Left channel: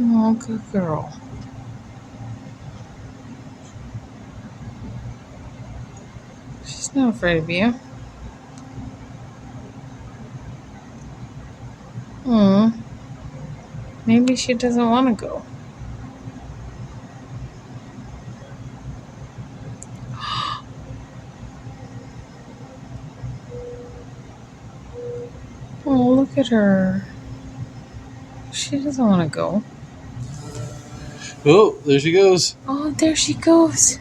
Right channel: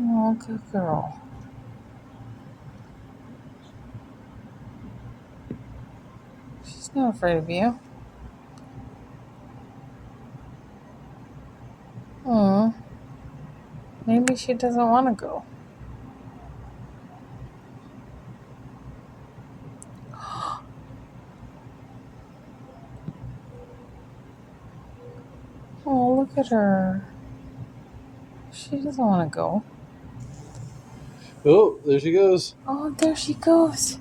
Oh, good girl. She's not afraid of you. Hmm. Maybe she doesn't want to go. Oh, look at her. She doesn't want to go. Oh, there she goes. Oh, there she goes.